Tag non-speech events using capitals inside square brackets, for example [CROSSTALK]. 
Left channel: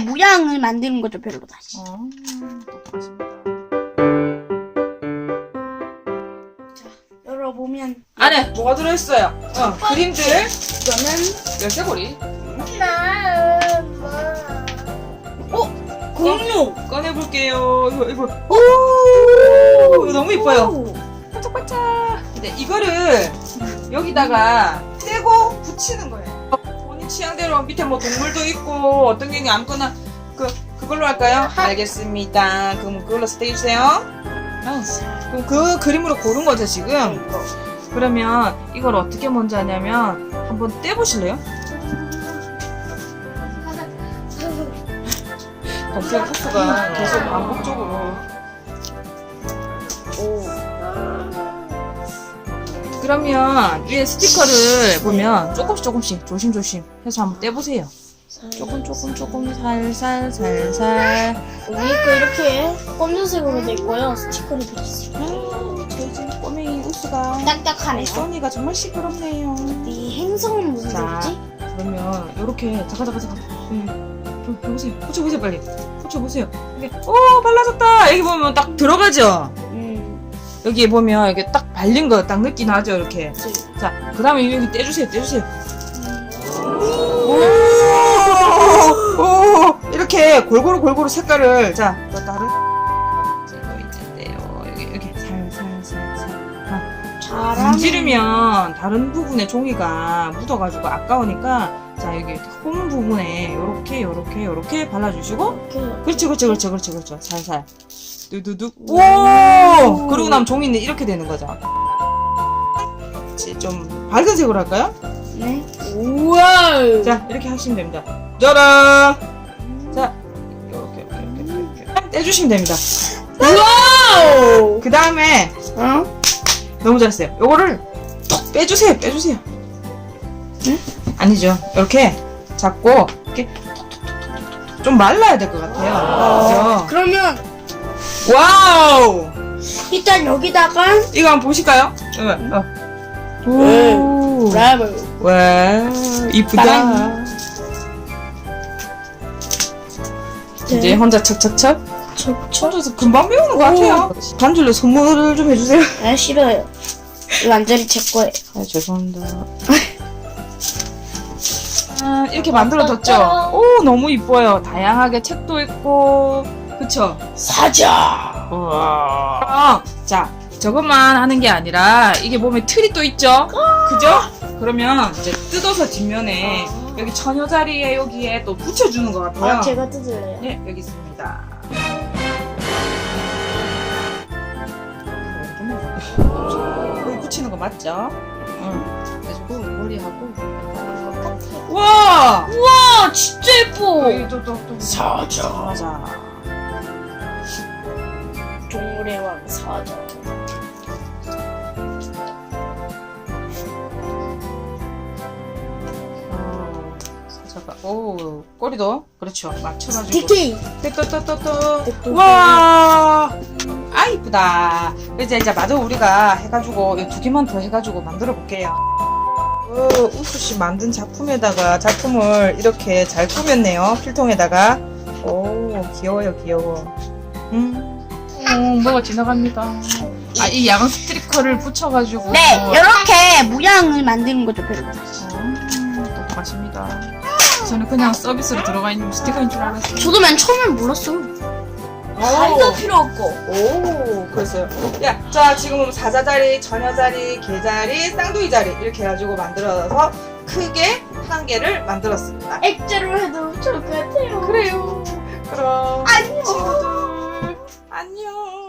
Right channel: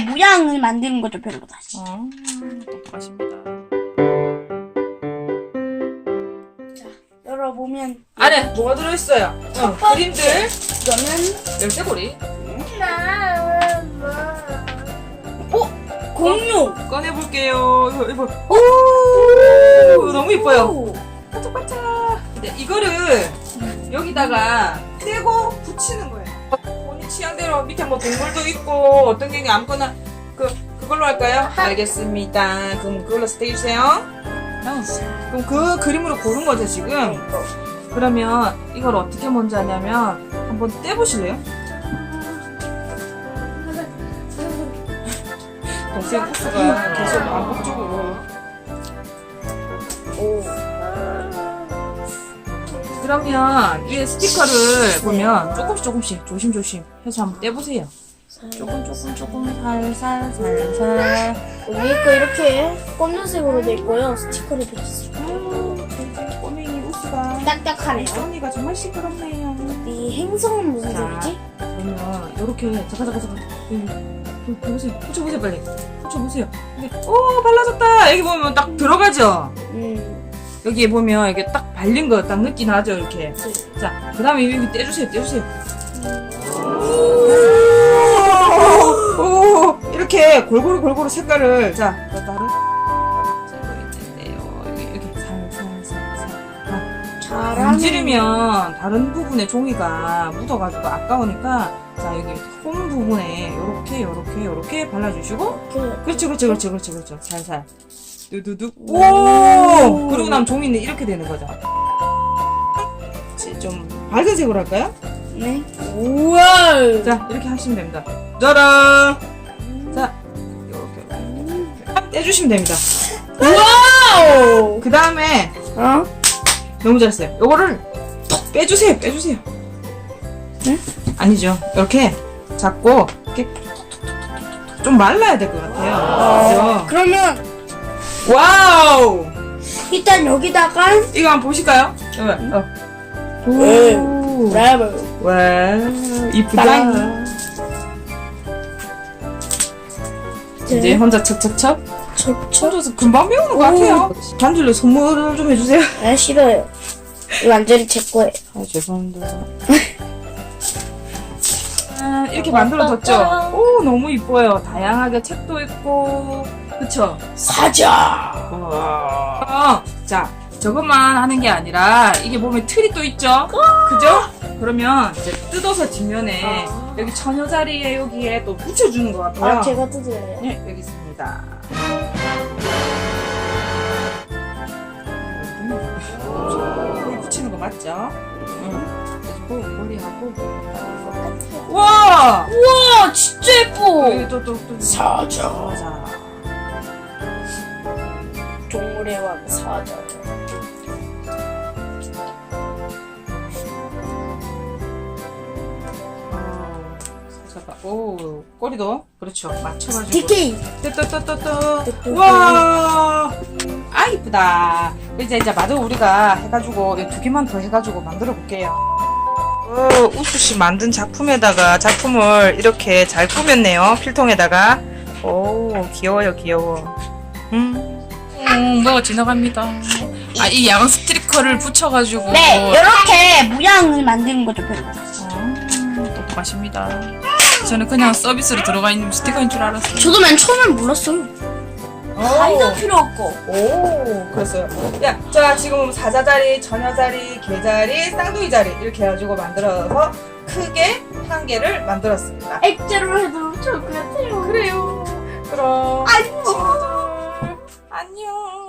모양을 만드는 거죠, 별로 다시. 어, 똑똑하십니다. 열어보면 안에 뭐가 들어있어요? 어, 그림들. 이거는 열쇠고리. 공룡. 꺼내볼게요. 이거, 이거. 오! 이거 너무 이뻐요. 오. 반짝반짝. 근데 이거를 여기다가 떼고 붙이는 거예요. 취향대로 밑에 뭐 동물도 있고 어떤 경우 아무거나 그 그걸로 할까요? 알겠습니다. 그럼 그걸로 스테이주세요. 그럼 그 그림으로 고른 거죠 지금? 그러면 이걸 어떻게 먼저 하냐면 한번 떼보실래요? 동생 코스가 계속 반복적으로 그러면 위에 스티커를 보면 조금씩 조금씩 조심조심 해서 한번 떼보세요. 조금 조금 조금 살살 살살. 위에 거 이렇게 검정색으로 돼 있고요. 스티커를 붙였어요. 음, 저희 꼬맹이 우스가 딱딱하네요. 소니가 정말 시끄럽네요. 이 행성은 무슨 자. 색이지? 그러면 이렇게 잠깐 잠깐 잠깐 음, 보세요. 붙여보세요 빨리. 붙여보세요. 이게 오 발라졌다. 여기 보면 딱 들어가죠. 음. 여기 보면 이게 딱 발린 거 딱 느낌 나죠 이렇게. 자 그 다음에 여기 떼주세요 떼주세요. 오, 이렇게 골고루 골고루 색깔을 자. 여기 여기 살살살살. 잘하네. 문지르면 다른 부분에 종이가 묻어가지고 아까우니까 자 여기 홈 부분에 요렇게 요렇게 요렇게 발라주시고 이렇게. 그렇죠 그렇죠 그렇죠 그렇죠 그렇죠 살살 두두둑 오. 오 그리고 나면 종이는 이렇게 되는 거죠 좀 밝은 색으로 할까요? 네. 우와. 자 이렇게 하시면 됩니다 짜란 자 이렇게 떼주시면 됩니다 와우. 그 다음에 어? 너무 잘했어요. 요거를 톡 빼주세요. 빼주세요. 응? 아니죠. 이렇게 잡고 이렇게 좀 말라야 될 것 같아요. 그러면 그죠? 와우! 일단 여기다가 이거 한번 보실까요? 이거, 어. 네. 오. 랩을 와, 이쁘다. 이제 네. 혼자 척척척. 척척. 혼자서 금방 배우는 것 같아요. 단줄로 선물을 좀 해주세요. 아 싫어요. 이거 완전히 제 거예요. 아, 죄송합니다. [LAUGHS] 아, 이렇게 만들어졌죠? 오, 너무 이뻐요. 다양하게 책도 있고, 그쵸? 사자. 와. 자, 저것만 하는 게 아니라, 이게 몸에 틀이 또 있죠? 그죠? 그러면 이제 뜯어서 뒷면에, 아. 여기 처녀 자리에 여기에 또 붙여주는 것 같아요. 아 제가 뜯을래요. 네, 여기 있습니다. 물 붙이는 거 맞죠? 응. 그래서 머리하고. 와! 우와 진짜 예뻐. 여기 또, 또, 또. 사자. 맞아. 동물의 왕 사자. 어, 사자가, 오, 꼬리도, 그렇죠. 맞춰가지고. 디키. 또또또또 뚜뚜뚜. 와, 아 이쁘다. 이제 이제 마저 우리가 해가지고 이 두 개만 더 해가지고 만들어 볼게요. 어, 우수 씨 만든 작품에다가 작품을 이렇게 잘 꾸몄네요. 필통에다가. 오, 귀여워요, 귀여워. 음. 어, 뭐가 지나갑니다. 아, 이 야광 스티커를 붙여가지고. 네 이렇게 모양을 만드는 거죠 다시. 어, 똑똑하십니다. 저는 그냥 서비스로 들어가 있는 스티커인 줄 알았어요. 저도 맨 처음엔 몰랐어요. 가위가 필요 없고. 오, 그랬어요. 야, 자, 지금 사자 자리, 처녀 자리, 개 자리, 쌍둥이 자리 이렇게 해가지고 만들어서 크게 한 개를 만들었습니다. 액자로 해도 좋을 것 같아요. 그래요. 안녕.